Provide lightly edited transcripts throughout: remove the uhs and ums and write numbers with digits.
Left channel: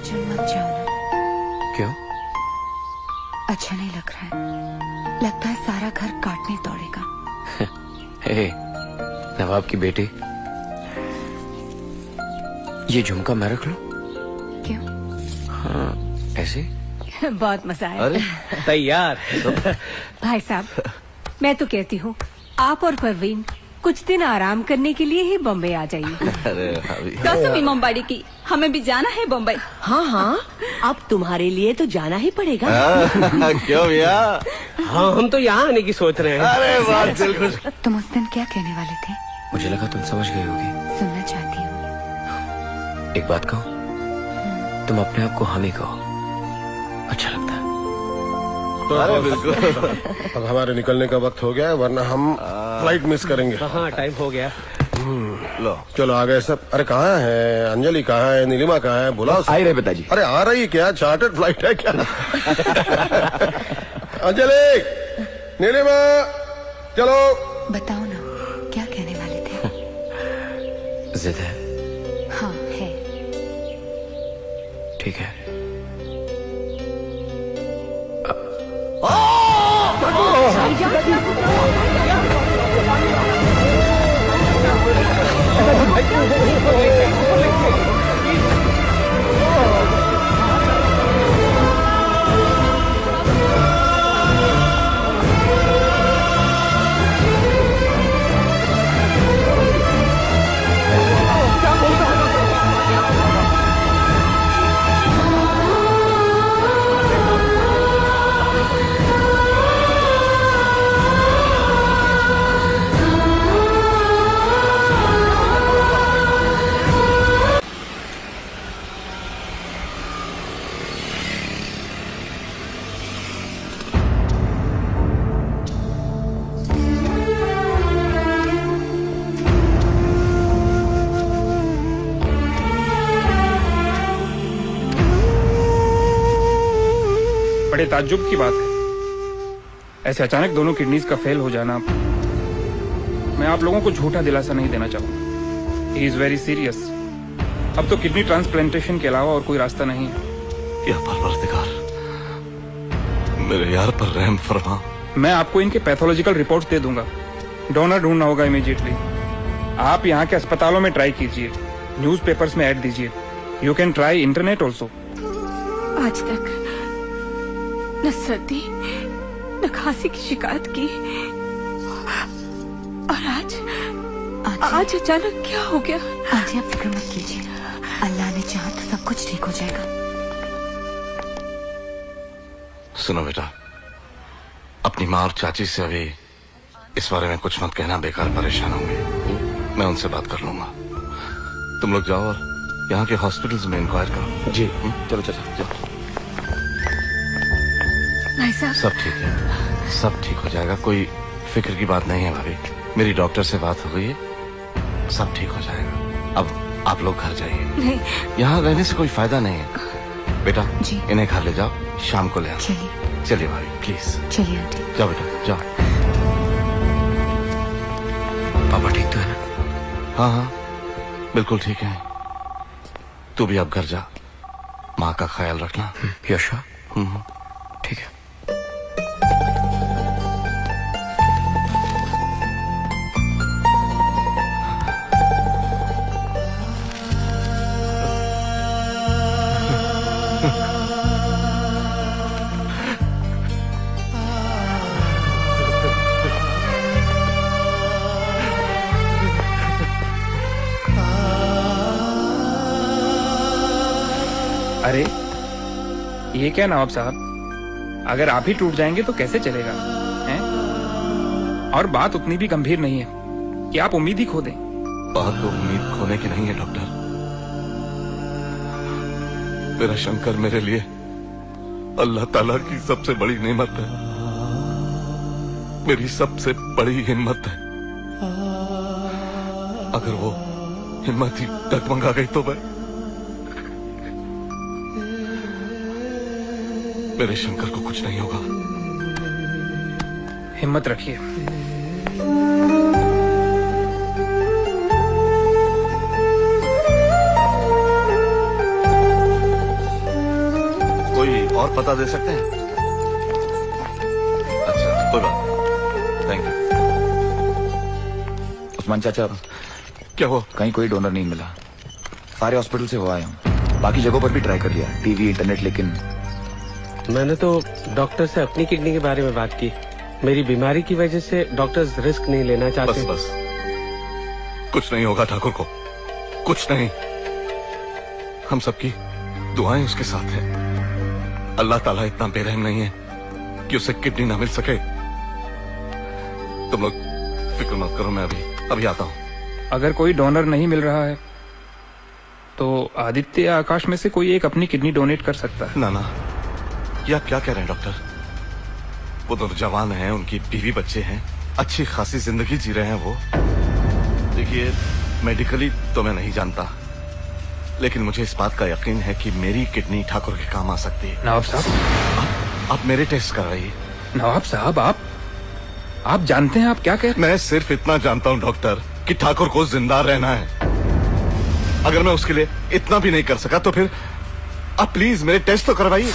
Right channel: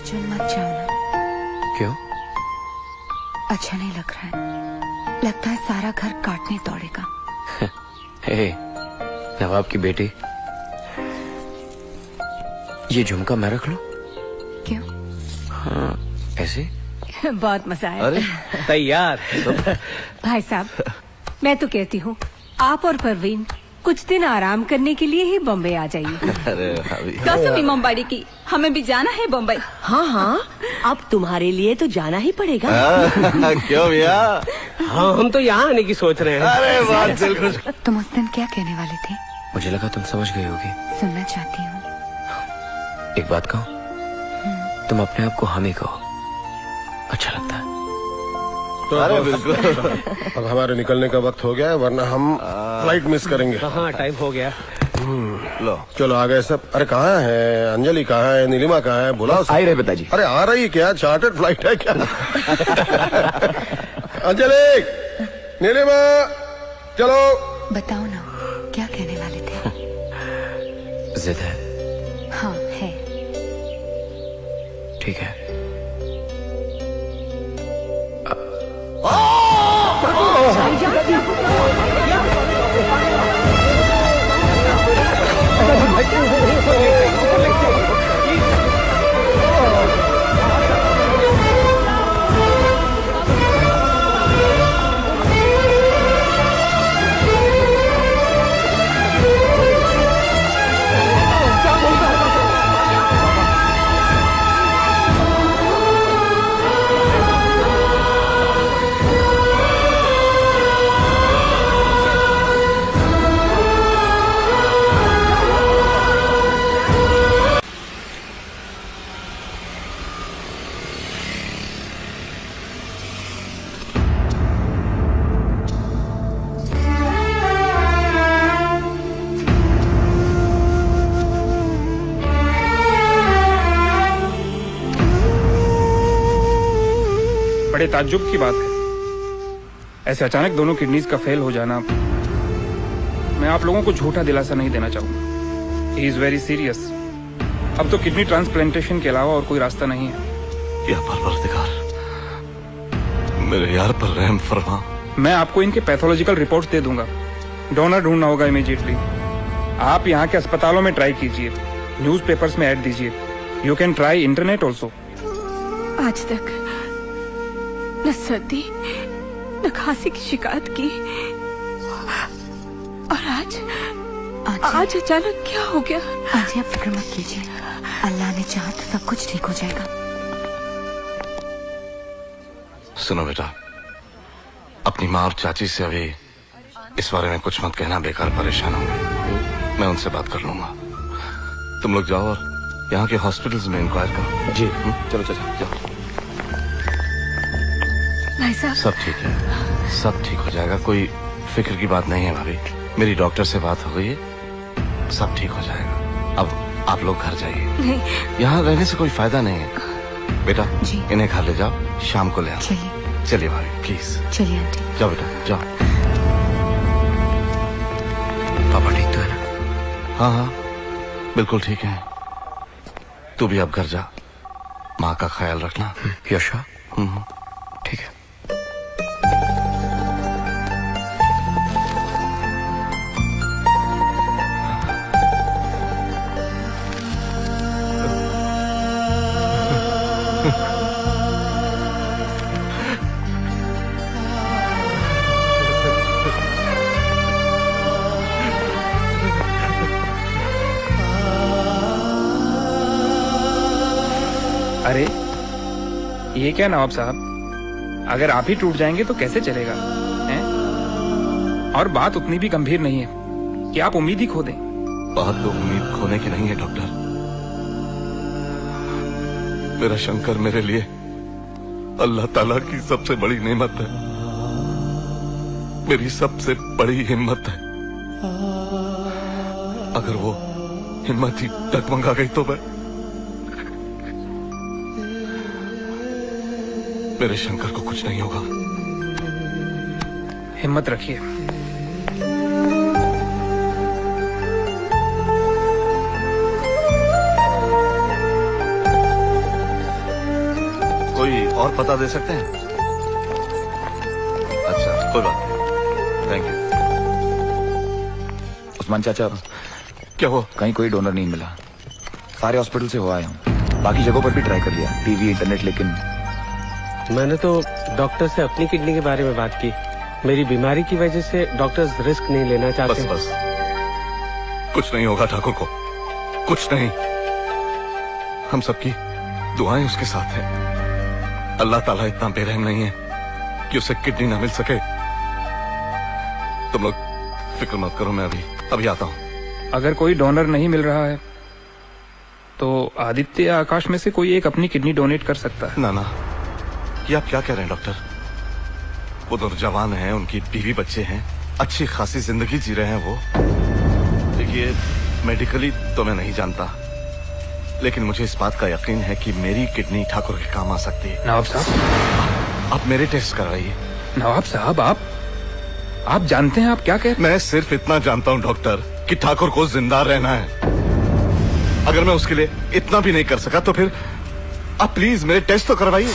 अर्जुन मत जाओ ना। क्यों? अच्छा नहीं लग रहा है। लगता है सारा घर काटने दौड़ेगा। हे, नवाब की बेटी, ये झुमका मैं रख लूं? क्यों? हाँ, ऐसे? बहुत मजा आया। अरे तैयार। भाई साहब, मैं तो कहती हूँ आप और परवीन कुछ दिन आराम करने के लिए ही बम्बई आ जाइए। अरे कसम मुंबई की, हमें भी जाना है बम्बई। हाँ हाँ, अब तुम्हारे लिए तो जाना ही पड़ेगा। क्यों भैया? हाँ, हम तो यहाँ आने की सोच रहे हैं। अरे बात बिल्कुल। तुम उस दिन क्या कहने वाले थे? मुझे लगा तुम समझ गई होगी। सुनना चाहती हूँ। एक बात कहो, तुम अपने आप को हामी कहो, अच्छा लगता है। अरे बिल्कुल। अब हमारे निकलने का वक्त हो गया है, वरना हम फ्लाइट मिस करेंगे। हाँ, टाइम हो गया। लो चलो आ गए सब। अरे कहाँ है अंजलि, कहाँ है नीलिमा, कहाँ है? बुलाओ। आई रहे पिताजी। अरे आ रही क्या? चार्टर्ड फ्लाइट है क्या? अंजलि, नीलिमा, चलो। बताओ ना, क्या कहने वाले थे? जिद है? हाँ है। ठीक है। बड़े ताज्जुब की बात है, ऐसे अचानक दोनों किडनीज का फेल हो जाना। मैं आप लोगों को झूठा दिलासा नहीं देना चाहूंगा। He is very serious. अब तो किडनी ट्रांसप्लांटेशन के अलावा और कोई रास्ता नहीं है। या परवरदिगार, मेरे यार पर रहम फरमा। मैं आपको इनके पैथोलॉजिकल रिपोर्ट्स दे दूंगा। डोनर ढूंढना होगा इमीडिएटली। आप यहाँ के अस्पतालों में ट्राई कीजिए, न्यूज़पेपर्स में ऐड दीजिए। You can try internet also. आज तक न सर्दी न खांसी की शिकायत की, और आज अचानक क्या हो गया? आज आप फिक्र मत कीजिए, अल्लाह ने चाहा तो सब कुछ ठीक हो जाएगा। सुनो बेटा, अपनी माँ और चाची से अभी इस बारे में कुछ मत कहना, बेकार परेशान होंगे। मैं उनसे बात कर लूंगा। तुम लोग जाओ और यहाँ के हॉस्पिटल्स में इंक्वायर करो। जी चलो चलो। भाई साहब, सब ठीक है, सब ठीक हो जाएगा। कोई फिक्र की बात नहीं है भाभी। मेरी डॉक्टर से बात हो गई है, सब ठीक हो जाएगा। अब आप लोग घर जाइए। नहीं, यहाँ रहने से कोई फायदा नहीं है। बेटा जी। इन्हें घर ले जाओ, शाम को ले आओ। चलिए चलिए भाभी प्लीज। चलिए आंटी। जाओ बेटा जाओ। पापा ठीक तो है ना? हाँ हाँ बिल्कुल ठीक है। तू भी अब घर जा, माँ का ख्याल रखना। यशा? ठीक है। अरे ये क्या नवाब साहब, अगर आप ही टूट जाएंगे तो कैसे चलेगा, हैं? और बात उतनी भी गंभीर नहीं है कि आप उम्मीद ही खो दें। बात तो उम्मीद खोने की नहीं है डॉक्टर। मेरा शंकर मेरे लिए अल्लाह ताला की सबसे बड़ी नेमत है, मेरी सबसे बड़ी हिम्मत है। अगर वो हिम्मत ही डगमगा गई तो मैं मेरे शंकर को कुछ नहीं होगा। हिम्मत रखिए। और पता दे सकते हैं? अच्छा, कोई बात नहीं, थैंक यू। उस्मान चाचा, क्या हो? कहीं कोई डोनर नहीं मिला। सारे हॉस्पिटल से हो आए हूँ, बाकी जगहों पर भी ट्राई कर लिया, टीवी, इंटरनेट, लेकिन मैंने तो डॉक्टर से अपनी किडनी के बारे में बात की। मेरी बीमारी की वजह से डॉक्टर्स रिस्क नहीं लेना बस चाहते। बस, कुछ नहीं होगा ठाकुर को, कुछ नहीं। हम सबकी दुआएं उसके साथ है। अल्लाह ताला इतना बेरहम नहीं है कि उसे किडनी ना मिल सके। तुम लोग फिक्र मत करो, मैं अभी आता हूँ। अगर कोई डोनर नहीं मिल रहा है तो आदित्य या आकाश में से कोई एक अपनी किडनी डोनेट कर सकता है। ना ना, ये आप क्या कह रहे हैं डॉक्टर? वो तो जवान हैं, उनकी बीवी बच्चे हैं, अच्छी खासी जिंदगी जी रहे हैं वो। देखिए, मेडिकली तो मैं नहीं जानता, लेकिन मुझे इस बात का यकीन है कि मेरी किडनी ठाकुर के काम आ सकती है। नवाब साहब, आप मेरे टेस्ट कराइए। नवाब साहब, आप जानते हैं आप क्या कह रहे हैं? मैं सिर्फ इतना जानता हूँ डॉक्टर कि ठाकुर को जिंदा रहना है। अगर मैं उसके लिए इतना भी नहीं कर सका तो फिर आप प्लीज मेरे टेस्ट तो करवाइए।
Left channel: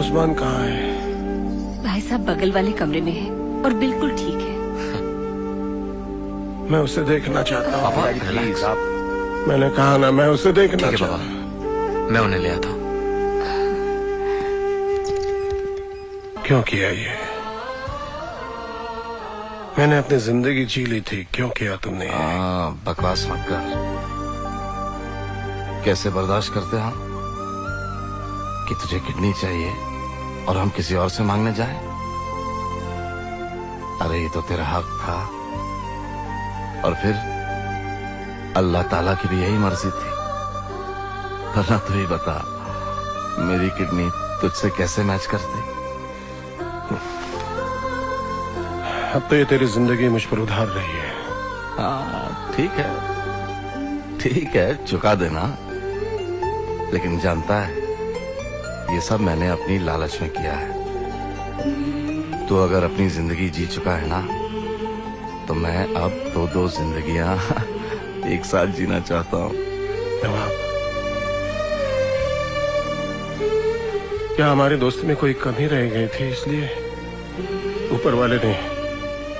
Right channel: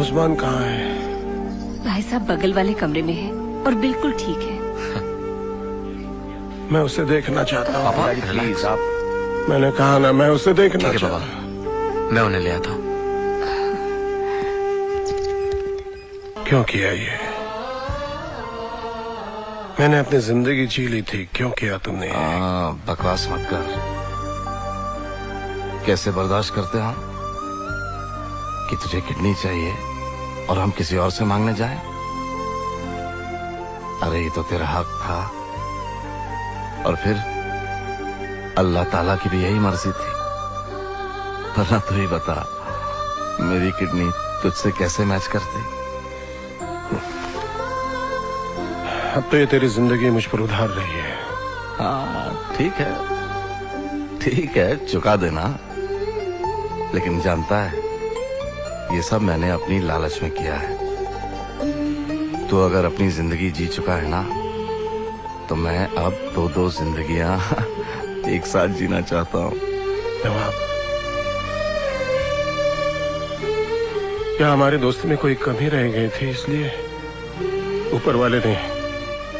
उस्मान कहाँ है? भाई साहब बगल वाले कमरे में है और बिल्कुल ठीक है। मैं उसे देखना चाहता हूँ। प्लीज आप। मैंने कहा ना, मैं उसे देखना ठीक है चाहता बाबा, हूँ। मैं उन्हें ले आता हूँ। क्यों किया ये? मैंने अपनी जिंदगी जी ली थी, क्यों किया तुमने? बकवास मत कर। कैसे बर्दाश्त करते हो कि तुझे किडनी चाहिए और हम किसी और से मांगने जाएं? अरे ये तो तेरा हक था, और फिर अल्लाह ताला की भी यही मर्जी थी। वरना तू ही बता, मेरी किडनी तुझसे कैसे मैच करती? अब तो ये तेरी जिंदगी मुझ पर उधार रही है। हाँ ठीक है, चुका देना। लेकिन जानता है, ये सब मैंने अपनी लालच में किया है। तू अगर अपनी जिंदगी जी चुका है ना, तो मैं अब दो जिंदगियां एक साथ जीना चाहता हूँ। नवाब, क्या हमारे दोस्त में कोई कमी रह गई थी, इसलिए ऊपर वाले ने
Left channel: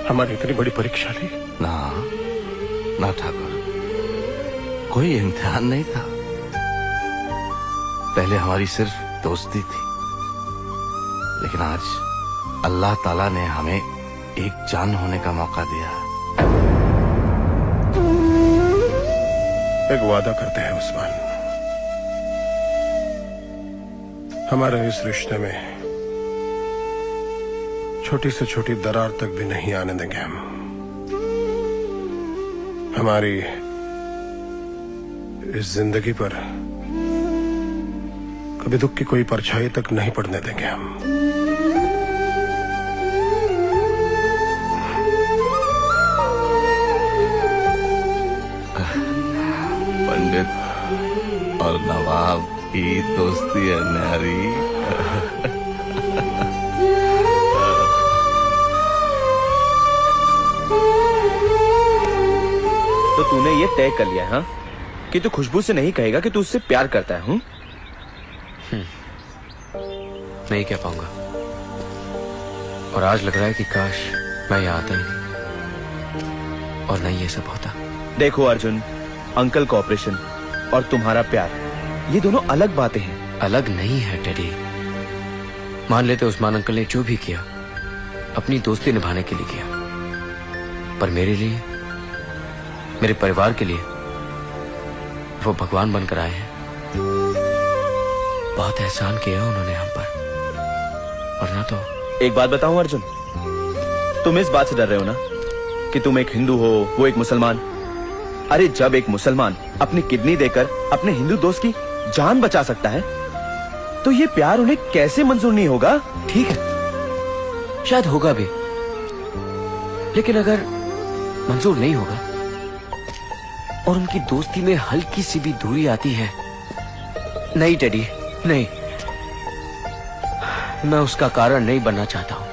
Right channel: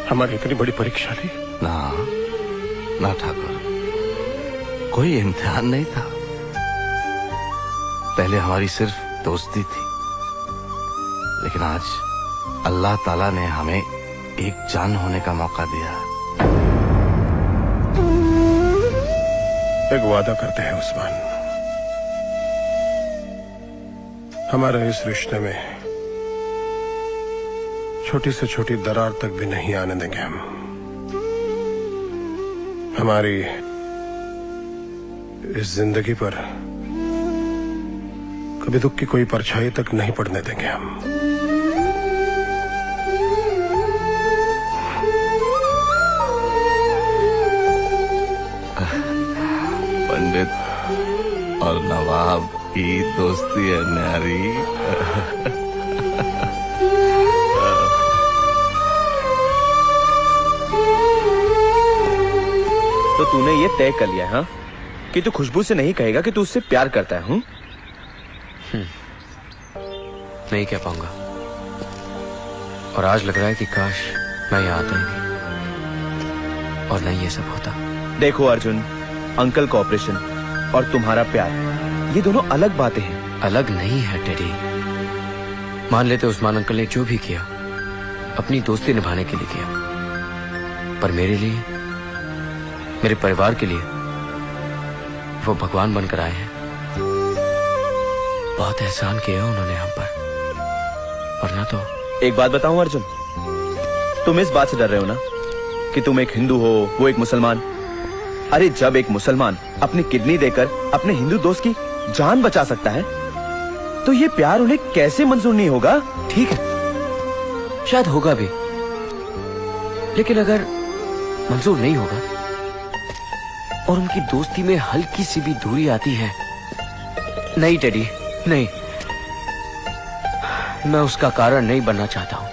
हमारी इतनी बड़ी परीक्षा ली? ना ठाकुर, कोई इम्तिहान नहीं था। पहले हमारी सिर्फ दोस्ती थी, लेकिन आज अल्लाह ताला ने हमें एक जान होने का मौका दिया। एक वादा करते हैं उस्मान, हमारे इस रिश्ते में छोटी से छोटी दरार तक भी नहीं आने देंगे हम। हमारी इस जिंदगी पर कभी दुख की कोई परछाई तक नहीं पड़ने देंगे हम। पंडित और नवाब की दोस्ती है न्यारी। तो तूने ये तय कर लिया हाँ कि तू खुशबू से नहीं कहेगा कि तू उससे प्यार करता है? नहीं कह पाऊंगा, और आज लग रहा है कि काश मैं यहाँ आता ही नहीं और नहीं ये सब होता। देखो अर्जुन, अंकल का ऑपरेशन और तुम्हारा प्यार, ये दोनों अलग बातें हैं। अलग नहीं है टेडी। मान लेते उस्मान अंकल ने जो भी किया अपनी दोस्ती निभाने के लिए किया, पर मेरे लिए, मेरे परिवार के लिए वो भगवान बनकर आए हैं। बहुत एहसान किया उन्होंने हम पर, वरना तो। एक बात बताऊं अर्जुन, तुम इस बात से डर रहे हो ना कि तुम एक हिंदू हो, वो एक मुसलमान। अरे जब एक मुसलमान अपनी किडनी देकर अपने हिंदू दोस्त की जान बचा सकता है, तो ये प्यार उन्हें कैसे मंजूर नहीं होगा? ठीक है, शायद होगा भी, लेकिन अगर मंजूर नहीं होगा और उनकी दोस्ती में हल्की सी भी दूरी आती है, नहीं टेडी, नहीं, मैं उसका कारण नहीं बनना चाहता हूं।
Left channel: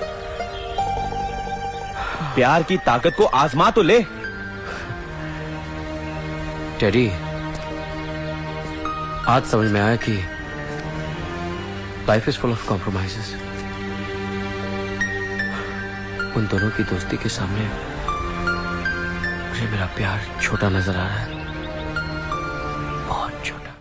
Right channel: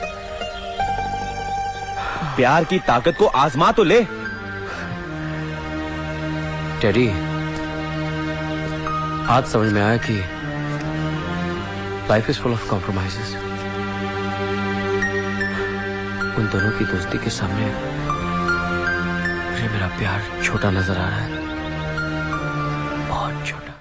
प्यार की ताकत को आजमा तो ले। टेडी, आज समझ में आया कि life is full of compromises. उन दोनों की दोस्ती के सामने मुझे मेरा प्यार छोटा नजर आ रहा है, बहुत छोटा।